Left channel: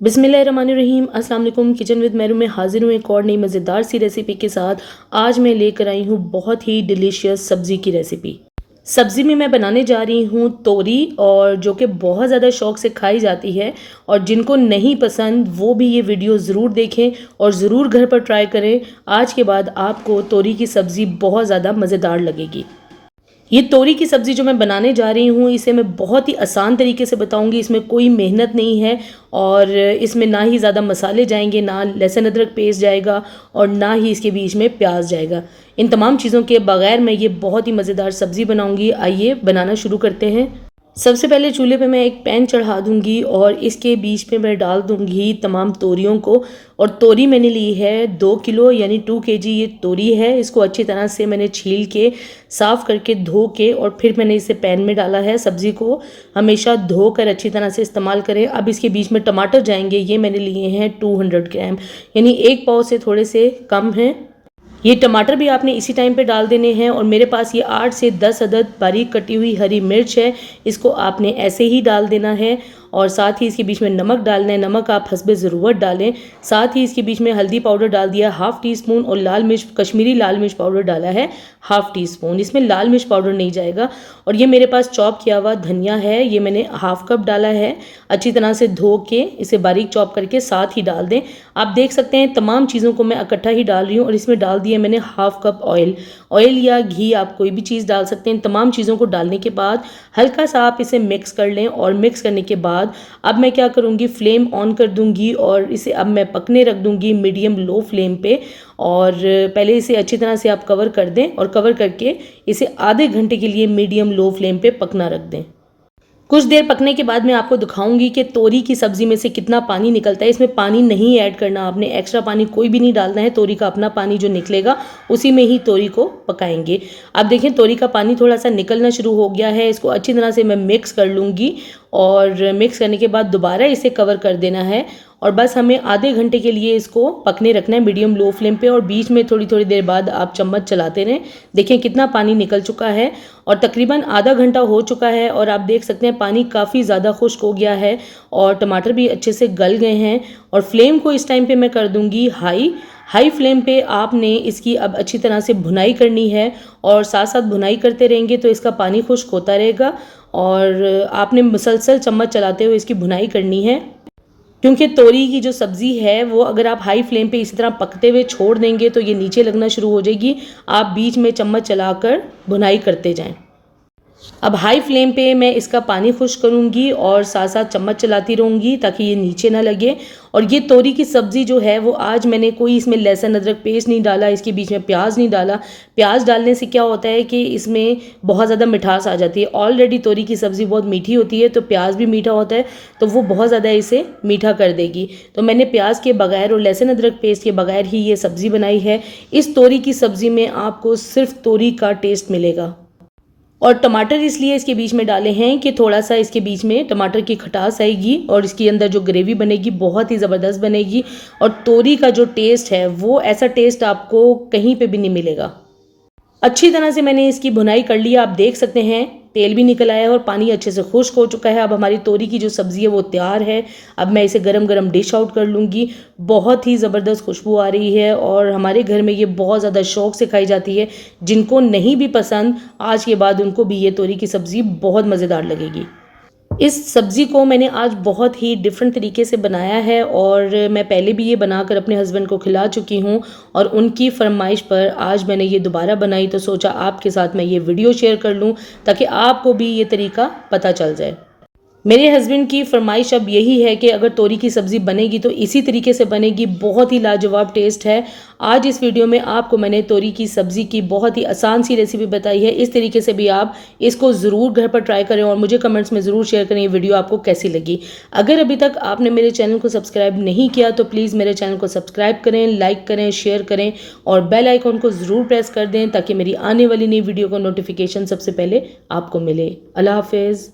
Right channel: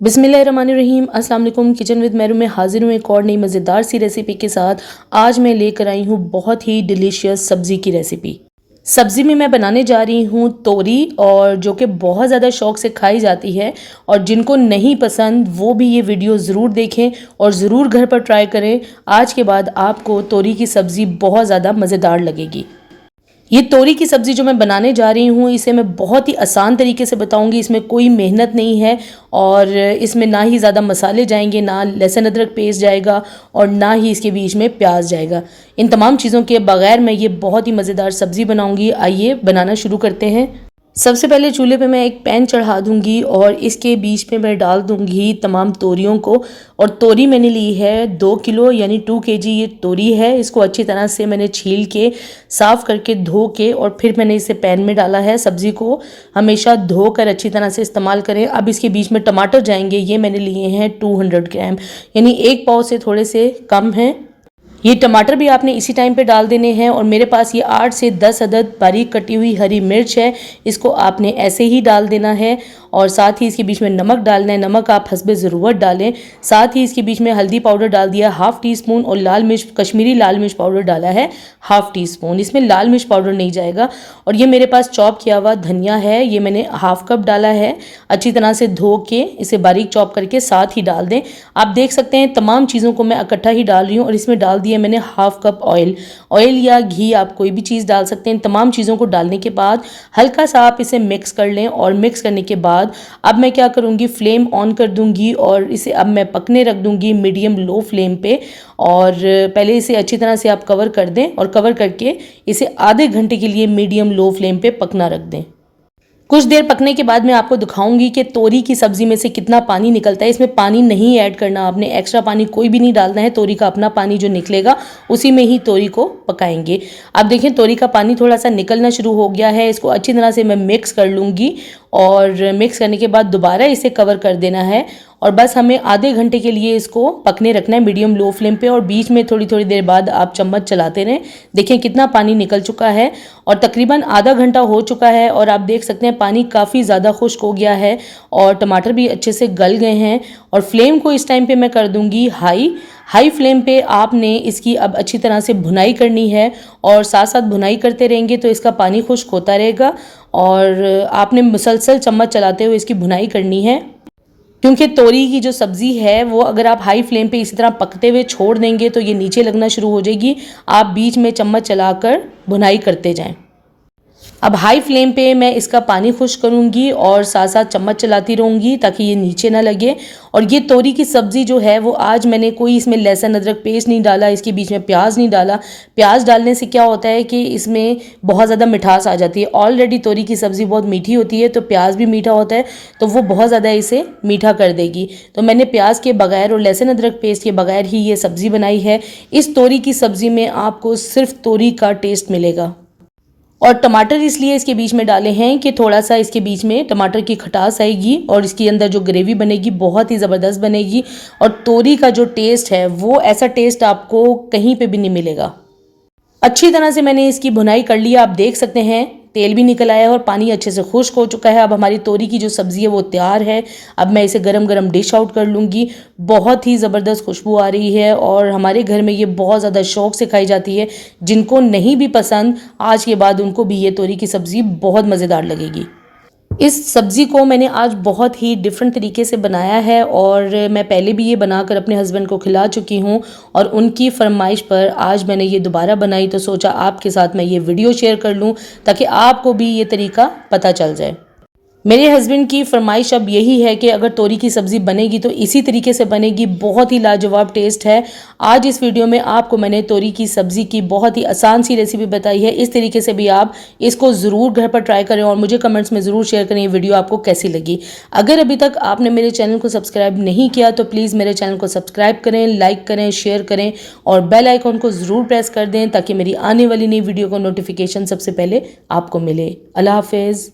बिस्मिल्लाहिर्रहमानिर्रहीम। अस्सलाम वालेकुम। किचन विद मेरू में हाजिर हूँ एक और नई मज़ेदार सी रेसिपी के साथ। आज मैं लेकर आई हूँ बहुत ही डिलीशियस सब्ज़ी की रेसिपी। सब्ज़ी में मैं बनाने जा रही हूँ तोरी, और जो कि बहुत ज़्यादा शौक़ से खाई जाती है, और जिनको नहीं पसंद वो भी ये वीडियो ज़रूर देखें और ज़रूर घर पर ट्राई करें। आज के बाद आपको तोरी की सब्ज़ी बहुत ज़्यादा मज़ेदार लगेगी। ये तोरी की सब्ज़ी जो मैं बनाने जा रही हूँ, इसे मैं बहुत ही आसान तरीके से बताऊँगी। इसमें कोई मेहनत नहीं है, और इसमें ना ही ज़्यादा मसाले जाएंगे, ना लहसुन अदरक पेस्ट जाएगा, और ना ही इसके बीच में प्याज जाएगा। इन तमाम चीज़ों के बगैर मैं ये बहुत ही मज़ेदार सब्ज़ी बनाऊँगी। आइए बनाना शुरू करते हैं। सबसे पहले चूल्हे पे मैं एक पैन चढ़ा दूंगी, और इसके बीच में मैं डाल दूंगी तमाम तोरियों को। और तोरी मैंने ली है 2 किलो यानी 2 केजी ये तोरी है। इसको अच्छी तरह से मैंने छील के, साफ़ करके, धो के, और फिर मैंने इसे पैन में डाला है। सब्ज़ी को हमेशा धोकर अच्छी तरह से इस्तेमाल करें। अब इसके बीच में टमाटर जाएंगे। ये मैंने लिए हैं 200 ग्राम, यानी 1 पाव से थोड़े से कम हैं। ये टमाटर भी आपने इसी टाइम पे डाल देने हैं। और मेरे पास ये 8 से 10 अदद बारीक कटी हुई हरी मिर्च है, इसको आपने ऐसे ही डाल देना है। और साथ ही इसके बीच में नमक डालना है। नमक आप हस्बे ज़रूरत डालें। साथ ही इसके बीच में हल्दी पाउडर डाल दिया 1/2 टीस्पून, और लाल मिर्च, कश्मीरी लाल मिर्च पाउडर डाला है 1/2 टीस्पून। इसमें लाल मिर्च पाउडर नहीं जाएगा। और ये मेरे पास चॉप किया हुआ धनिया है, ये मैंने 1/2 कप डाला है। अच्छी तरह से धो के इसे बारीक चॉप करके साथ ही डाल दें। आप देख सकते हैं तमाम चीज़ों को मैं इकट्ठा ही डाल रही हूँ। और इसमें डाल दिया मैंने 1/2 कप ऑयल या घी, आप कोई भी चीज़ डाल सकते हैं। तमाम चीज़ों को डालने के बाद हल्का सा आप इसे मिक्स कर लें। और मिक्स करने के बाद अब मैं क्या करूँगी, फ्लेम ऑन कर दूँगी, और इसे अब मैं पकने रख दूँगी मीडियम लो फ्लेम पे। और पहले इसे अच्छी तरह से आप कवर कर दें, और कवर करके इसे आधे घंटे के लिए मीडियम लो फ्लेम पे पकना रख दें। कुछ देर पकने के बाद मैं आपको दिखाऊंगी कि तोरी की सब्ज़ी में से कितना पानी निकलता है। इसमें पानी नहीं ऐड करना, आपने एक्स्ट्रा पानी कोई भी नहीं डालना है। तोरी का अपना पानी जो निकलेगा उसी में ही तोरी को पकाएंगे। अब देखें तोरी का पानी थोड़ा सा निकलना शुरू हो गया है। इसको अच्छी तरह से मैं मिक्स कर लूँगी, और मिक्स करने के बाद दोबारा इसे कवर कर देना है। और बस हमें आधे घंटे के लिए इसको पकने रखना है मीडियम लो फ्लेम पे। और बीच में थोड़ी थोड़ी देर बाद आप चम्मच चलाते रहें। देखें कितना पानी निकल चुका है, और तकरीबन आधा घंटा हो चुका है। और आप देख सकते हैं पानी काफ़ी ज़्यादा खुश्क हो गया है, और टमाटर भी अच्छे से गल गए हैं। और फ्लेम को इस टाइम पे मैं कर दूंगी हाई फ्लेम पे। आपने इसकी अब अच्छी तरह से भुनाई करनी है, और साथ साथ भुनाई करते रहेंगे तो इसका पानी खुश्क होता रहेगा। और आपने मुसलसल चम्मच चलाते हुए इसकी भुनाई करनी है, क्योंकि तोरी की जो सब्ज़ी है वो अगर आप हाई फ्लेम पे इसी तरह पकते हुए छोड़ देंगे तो ये नीचे लगना शुरू हो जाएगी। आप बीच में चम्मच चलाकर भुनाई करते जाएं। अब हाई फ्लेम पे मैं इसका पानी खुश्क करूँगी, और साथ साथ चम्मच चलाती रहूँगी ताकि ये नीचे ना लगे। और ये तोरी की सब्ज़ी जो है वो आज मैंने कोई इसमें लहसुन अदरक पेस्ट नहीं डाला, इसके बीच में प्याज नहीं डाला। प्याज डालने से क्या होता है कि इसमें बहुत ज़्यादा मिठास आ जाती है। ऑलरेडी तोरी की सब्ज़ी बहुत मीठी होती है, तो प्याज भी मीठा होता है, तो वो बहुत ज़्यादा इसे मीठा कर देगी। तो मैंने प्याज के बगैर और लहसुन अदरक पेस्ट के बगैर ही ये सब्ज़ी बनाई है। इस तोरी की सब्ज़ी में आपको सिर्फ तोरी का टेस्ट मिलेगा। और टमाटर इसलिए इसके बीच में डाले हैं कि थोड़ा सा इसके बीच में टमाटर की खटास आएगी, और इसके अंदर जो ग्रेवी बनेगी बहुत ही ज़बरदस्त बनेगी। और तोरी का जो टेस्ट है वो ऐसा टेस्ट आपको कहीं पे भी नहीं मिलेगा। अच्छी तरह से मैंने इसकी भुनाई कर ली। आप देख सकते हैं तेल भी निकल आया है, और पानी अच्छे से खुश्क हो चुका है। अब हमारी तोरी की जो सब्ज़ी है वो तैयार है। अब मैं इसे गरम गरम डिश आउट कर लूँगी। बहुत ही ज़बरदस्त खुशबू आ रही है, और हमारे घर में ये बहुत ज़्यादा शौक़ से खाई जाती है। जिनको नहीं भी पसंद, आज के बाद उनको भी ये तोरी की सब्ज़ी बहुत मज़ेदार लगेगी। इस सब्ज़ी को मैंने आज बहुत ही डिफरेंट तरीके से बनाया है, और मैं पहले भी ये बनाकर अपने हस्बैंड को खिला चुकी हूँ। और उनकी फरमाइश पर आज मैंने ये दोबारा बनाई, तो सोचा आपके साथ मैं ये वीडियो शेयर कर लूँ ताकि आपको भी ये तरीका पता चल जाए। मेरे हस्बैंड की फरमाइश अब यही है कि अगर तोरी की सब्ज़ी बनेगी तो इसी तरीके से बनेगी। बहुत ही लाजवाब टेस्ट है। आज इस वीडियो में आपको मैंने तोरी की सब्ज़ी की बहुत ही आसान सी रेसिपी बताई है। इस तरीके से भी आप इसको ज़रूर घर पर ट्राई करें, और मुझे कमेंट्स में ज़रूर शेयर करें ये वीडियो आपको कैसी लगी। अगर अभी तक आपने मेरे चैनल को सब्सक्राइब नहीं किया तो प्लीज़ मेरे चैनल को सब्सक्राइब करें, लाइक करें, शेयर करें, और बेल आइकॉन को ज़रूर प्रेस कर दें ताकि मेरी आने वाली नई वीडियो को नोटिफिकेशन सबसे पहले आपको मिले। अल्लाह हाफिज़।